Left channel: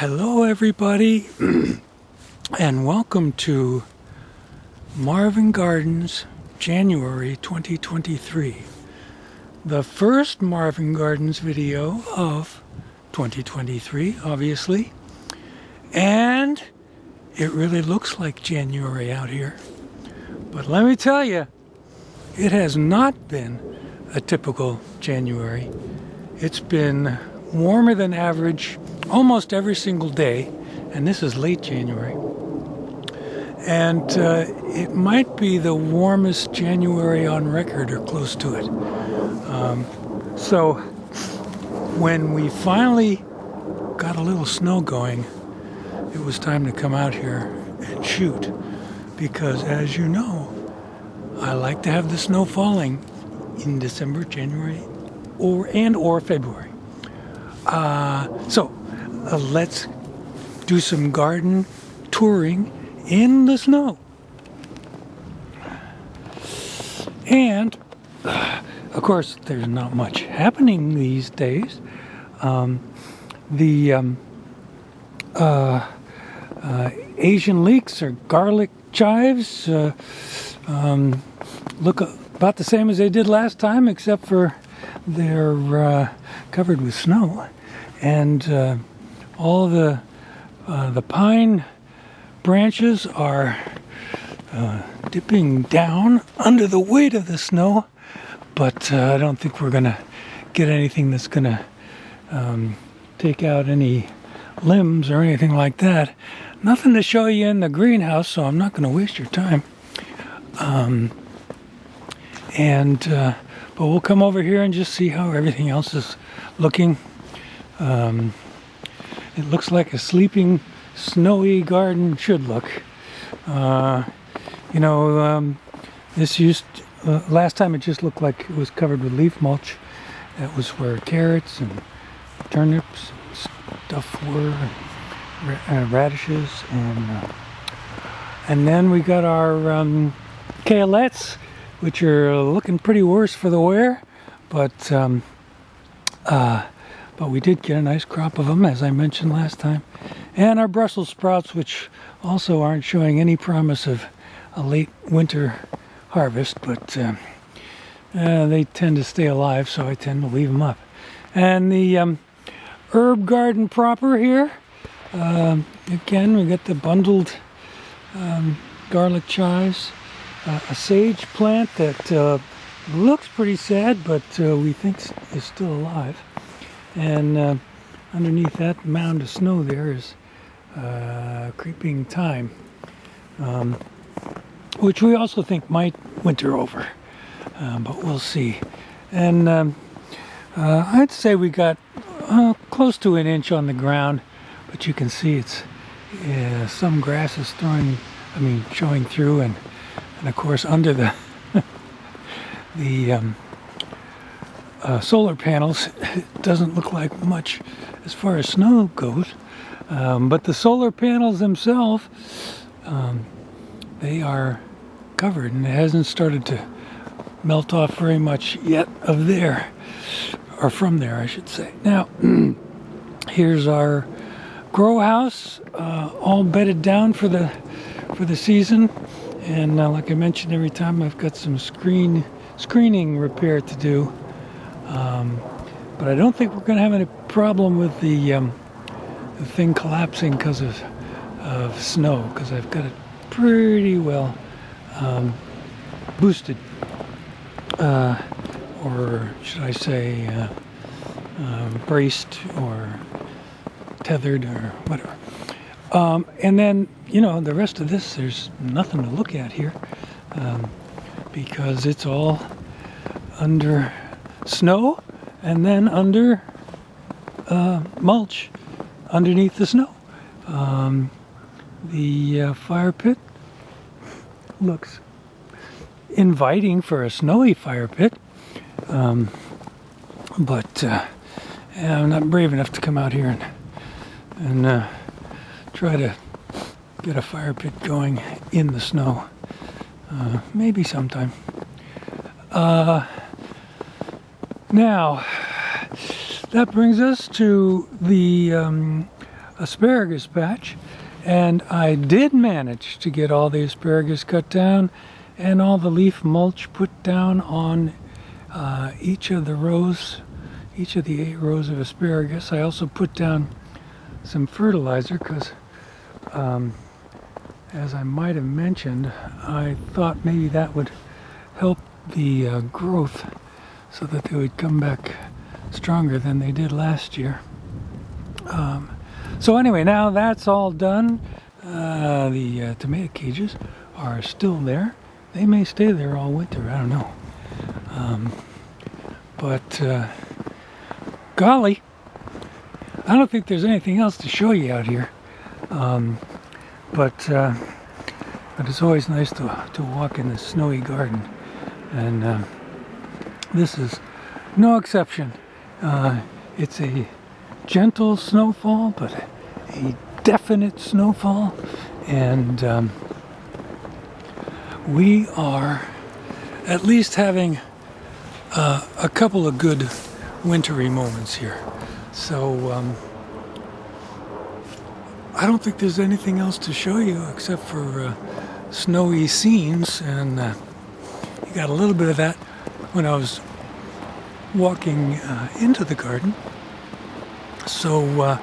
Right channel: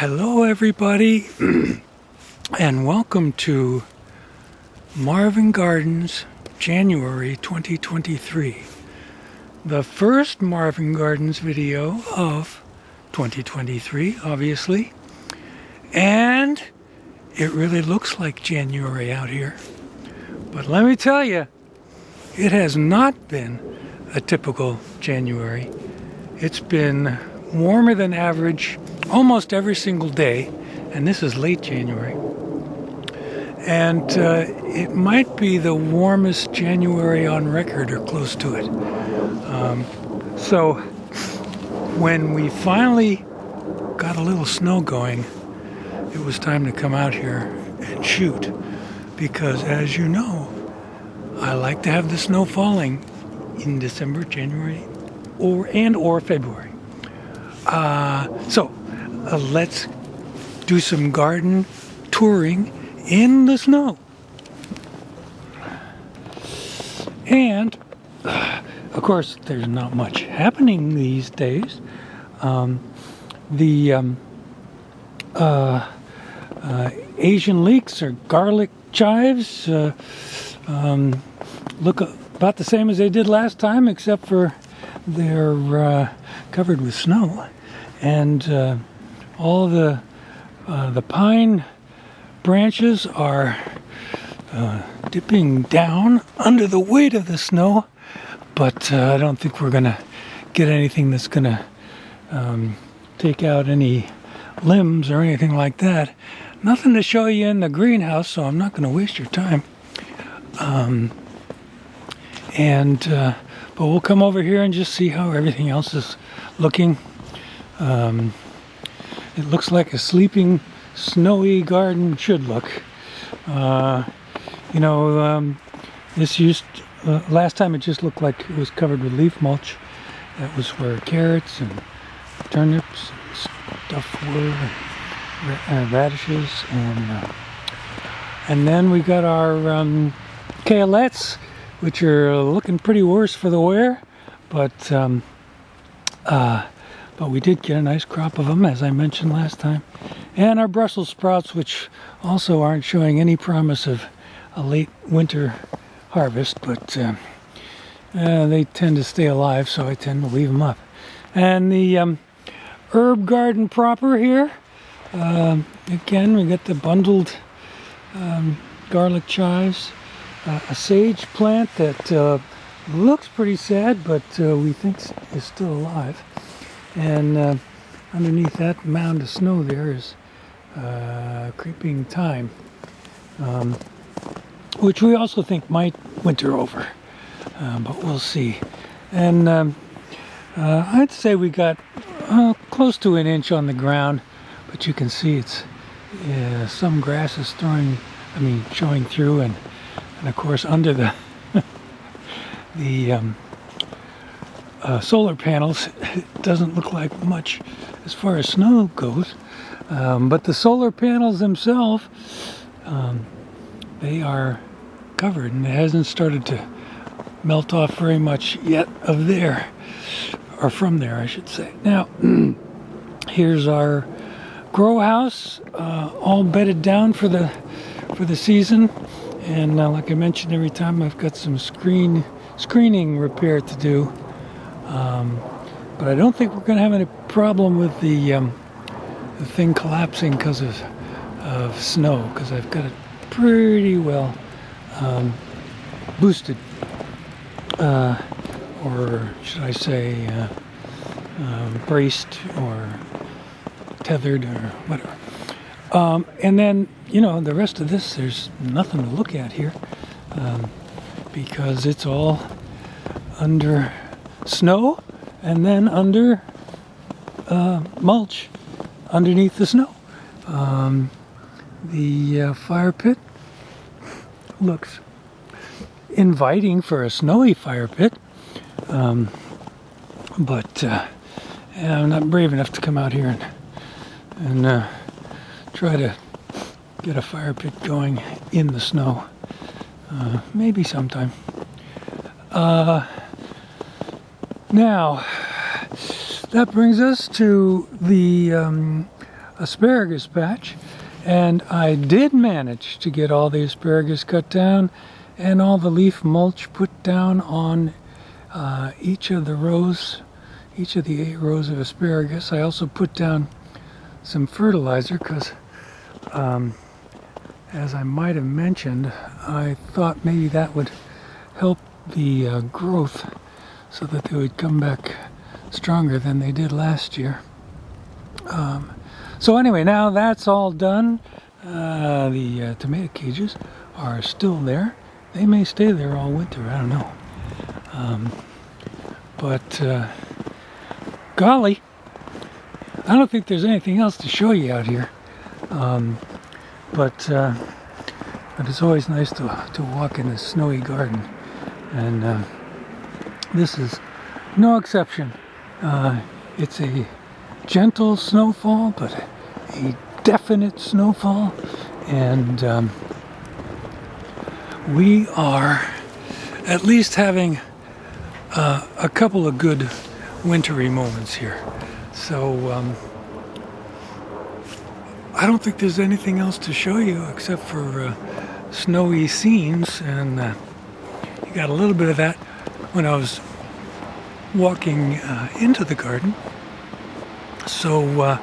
Hello everybody and welcome to Marvin Gardens January 2023. The first Marvin Gardens video of 2023, obviously. And it really looks like January out here. But let me tell you, it has not been a typical January. It's been warmer than average almost every single day, and this is late January. And it might be the warmest January on record or close to it. So when we finally got a little snow going, it was time to come out here and shoot. Because as you know, I like to have the snow falling in December, January, or February. So let's do some garden touring in the snow. And of course, there's not much happening these days. The Asian leeks or garlic chives look about the same as they did last time, except for they're covered with snow. And all the pine branches are dipping down under the weight of the snow, but I don't think we're gonna get anything that's gonna take out any limbs or anything like that. Nothing to show you in the greenhouse, so I'm not gonna waste your time. But we'll come over here and just see how everything else is looking. It looks like a sleeping, snowy garden should look. Last time it just looked like it was covered with leaf mulch. That was where carrots and turnips and stuff were, radishes, and then we got our kaleettes, which are looking pretty worse for the wear, but we did get a nice crop of them, as I mentioned last time. And our Brussels sprouts, which also aren't showing any promise of a late winter harvest, but they tend to stay alive, so I tend to leave them up. And the herb garden proper here, again, we got the bundled garlic chives, a sage plant that looks pretty sad, but we think is still alive. And underneath that mound of snow there is creeping thyme, which we also think might winter over, but we'll see. And I'd say we got close to an inch on the ground, but you can see it's some grass is showing through, and of course under the solar panels, it doesn't look like much as far as snow goes, but the solar panels themselves, they are covered, and it hasn't started to melt off very much yet from there, I should say. Now, here's our grow house, all bedded down for the season, and like I mentioned, every time I've got some screening repair to do. But I don't think we're going to have any problem with the thing collapsing because of snow, because I've got it pretty well boosted, or should I say braced or tethered or whatever. And then, the rest of this, there's nothing to look at here, because it's all under snow and then under mulch underneath the snow. The fire pit looks inviting for a snowy fire pit, but I'm not brave enough to come out here and try to get a fire pit going in the snow. Maybe sometime. Now, that brings us to the asparagus patch, and I did manage to get all the asparagus cut down and all the leaf mulch put down on each of the rows, each of the 8 rows of asparagus. I also put down some fertilizer because, as I might have mentioned, I thought maybe that would help the growth so that they would come back stronger than they did last year. So anyway, now that's all done. The tomato cages are still there. They may stay there all winter, I don't know. But golly, I don't think there's anything else to show you out here. But it's always nice to walk in this snowy garden. And this is no exception. It's a gentle snowfall, but a definite snowfall. And we are at least having a couple of good wintry moments here. So I don't think there's anything else to show you except for snowy scenes, and you got a little bit of that when I was walking into the garden. So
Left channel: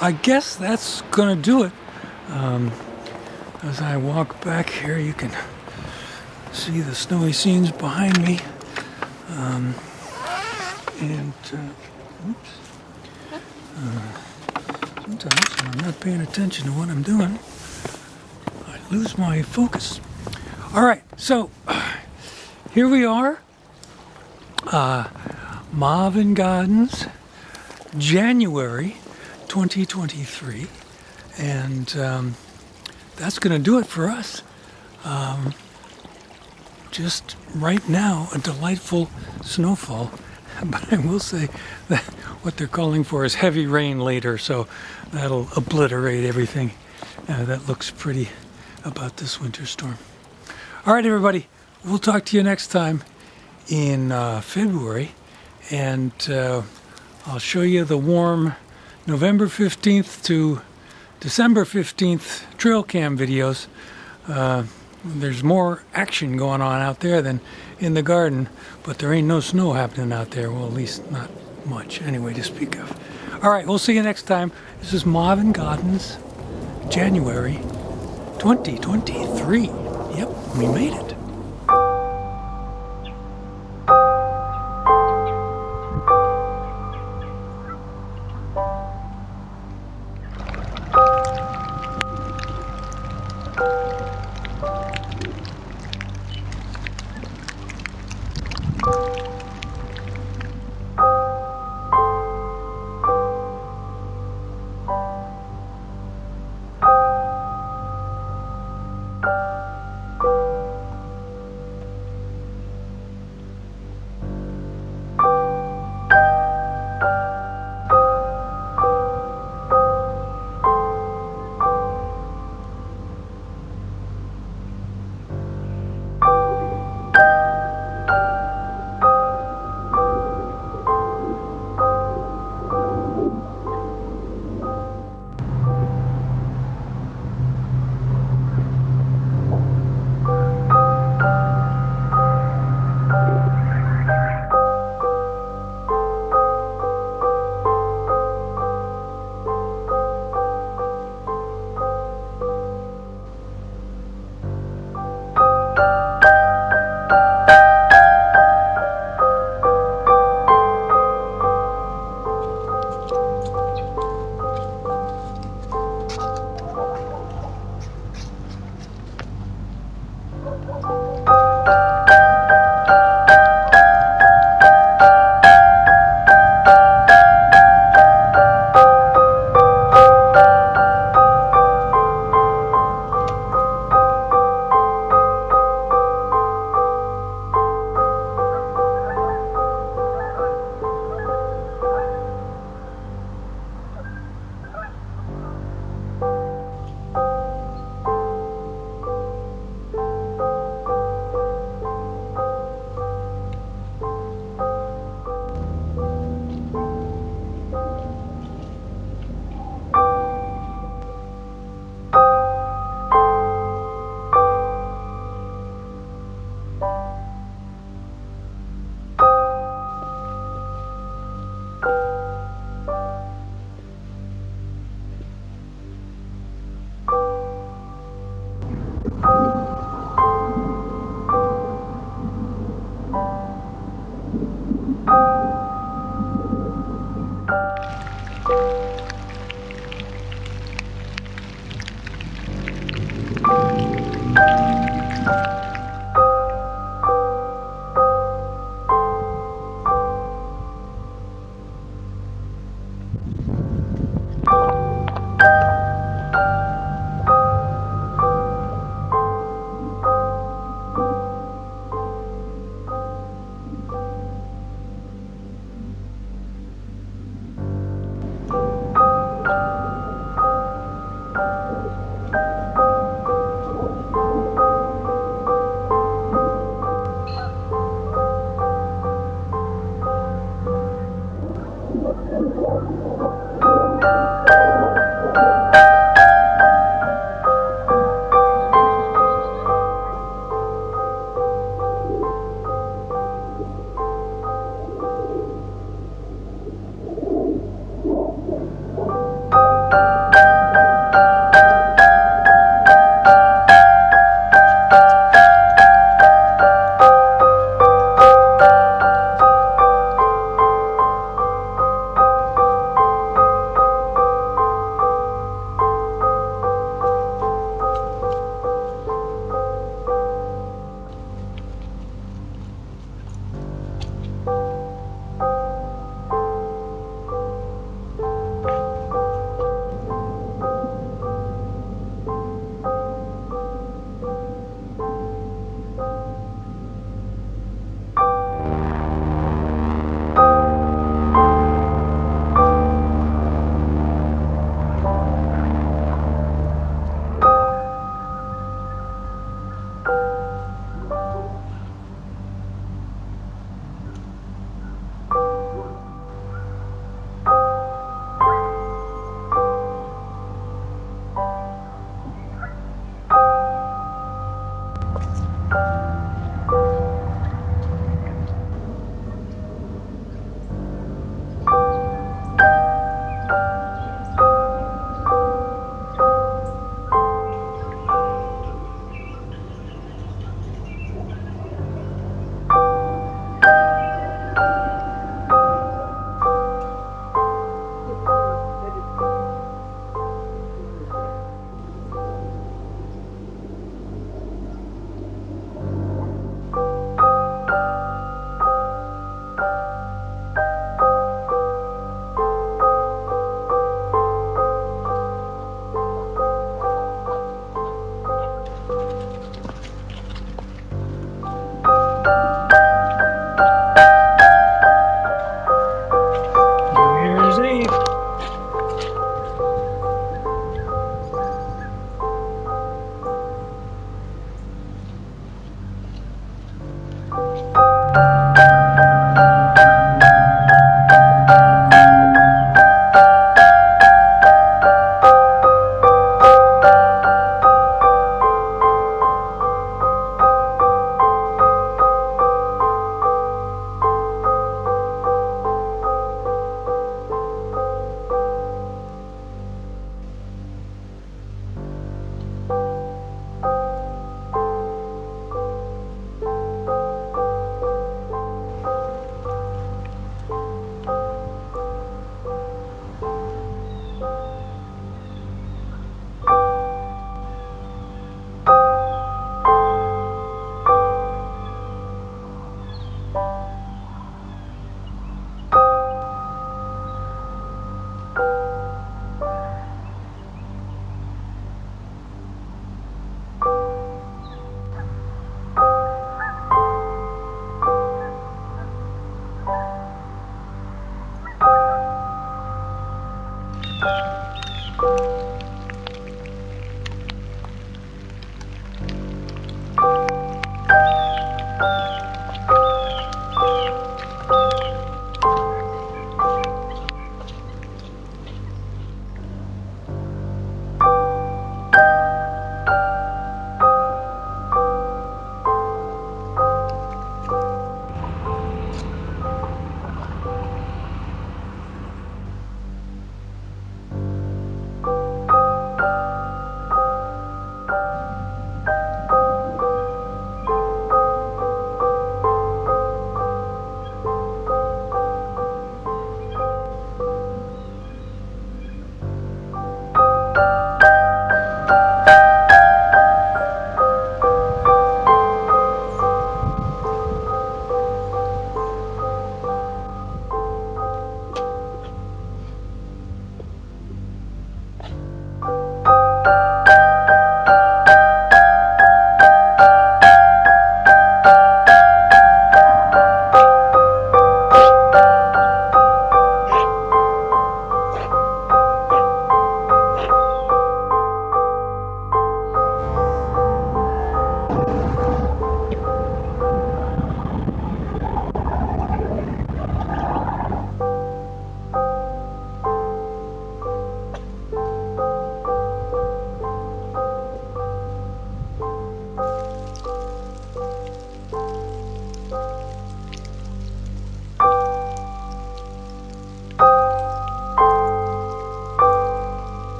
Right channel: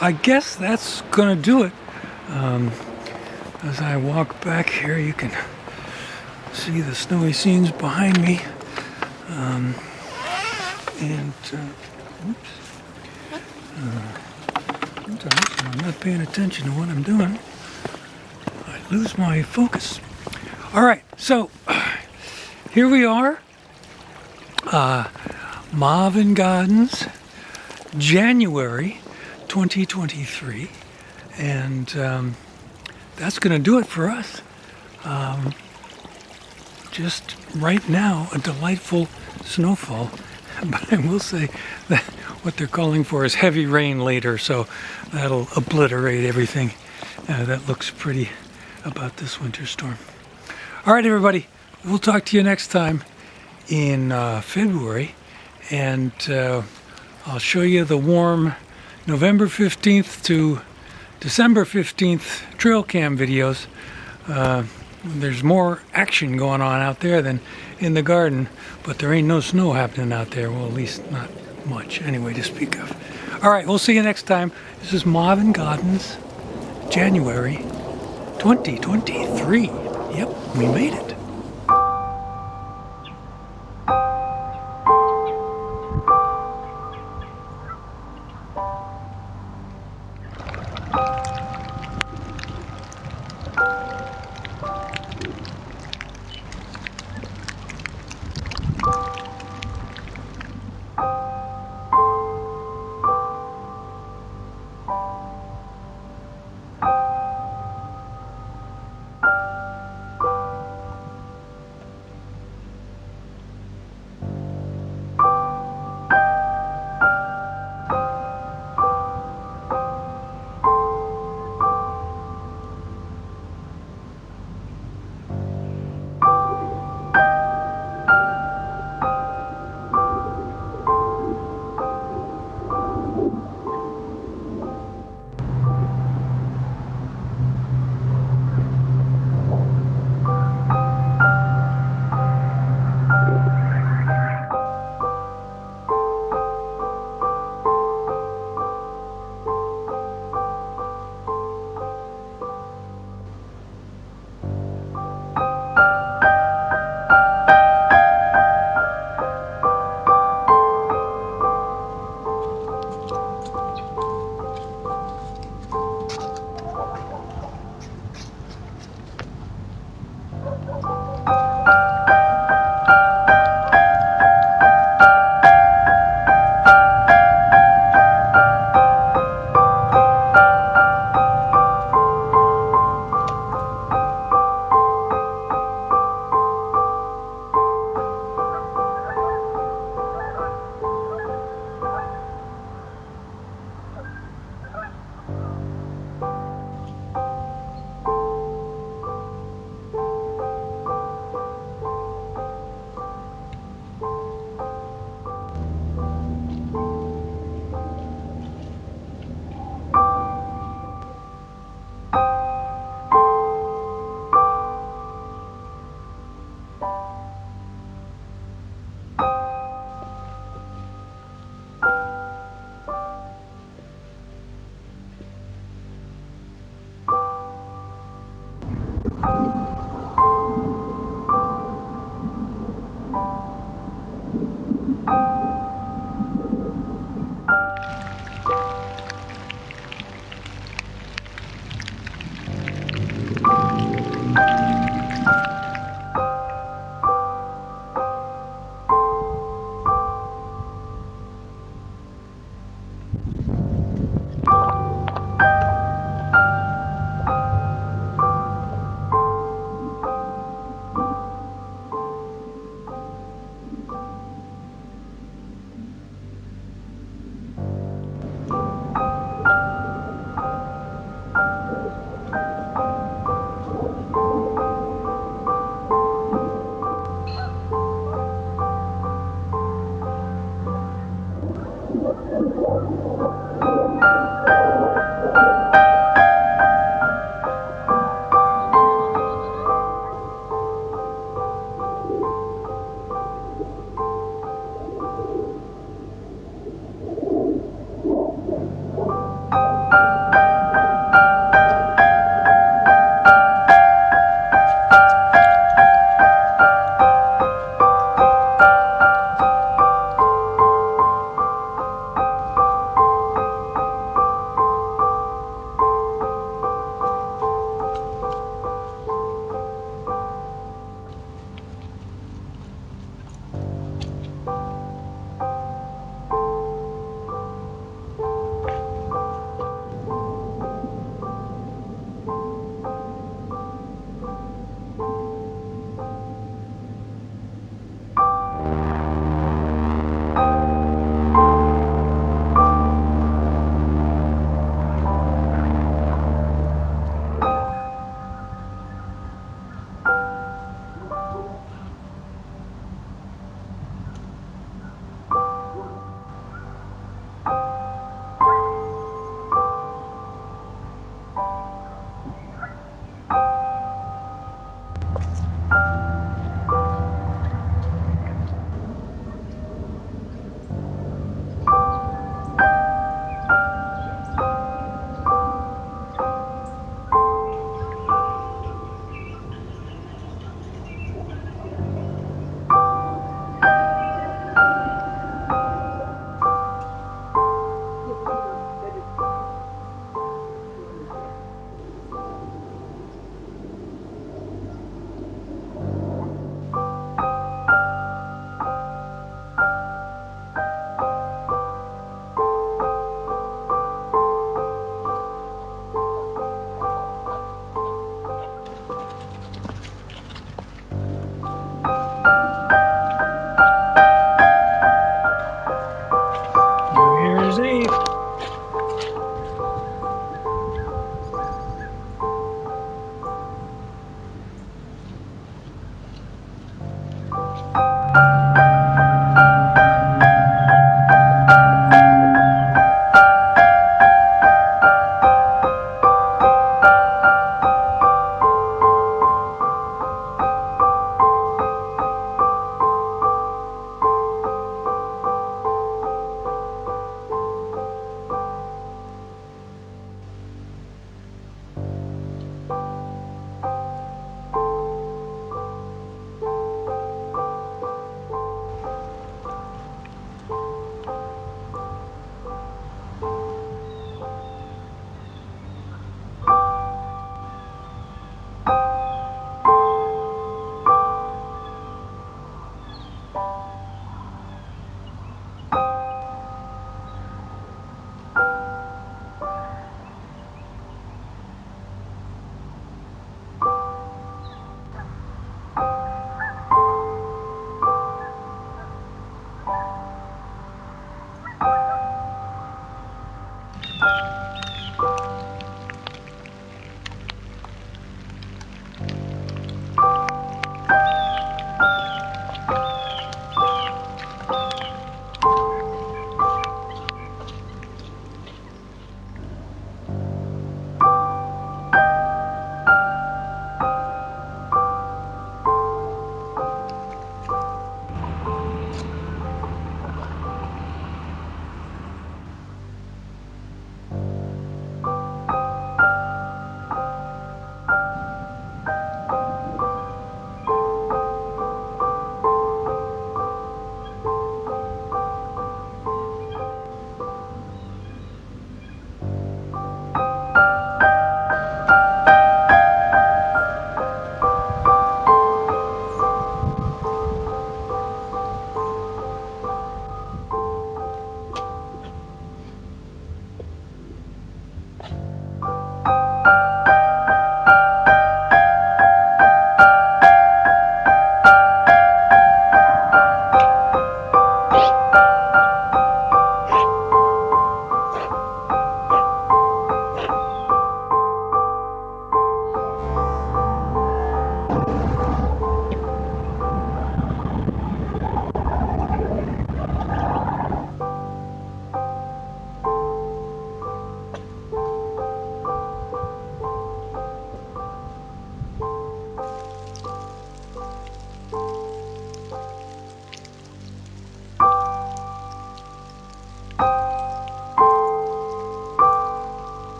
I guess that's gonna do it. As I walk back here, you can see the snowy scenes behind me. Oops. Sometimes when I'm not paying attention to what I'm doing, I lose my focus. All right, so here we are, Marvin Gardens, January 2023, and that's going to do it for us. Just right now, a delightful snowfall. But I will say that what they're calling for is heavy rain later, so that'll obliterate everything that looks pretty about this winter storm. All right, everybody, we'll talk to you next time in February, and I'll show you the warm November 15th to December 15th trail cam videos. There's more action going on out there than in the garden, but there ain't no snow happening out there. Well, at least not much anyway to speak of. All right, we'll see you next time. This is Marvin Gardens, January 2023. Yep, we made it.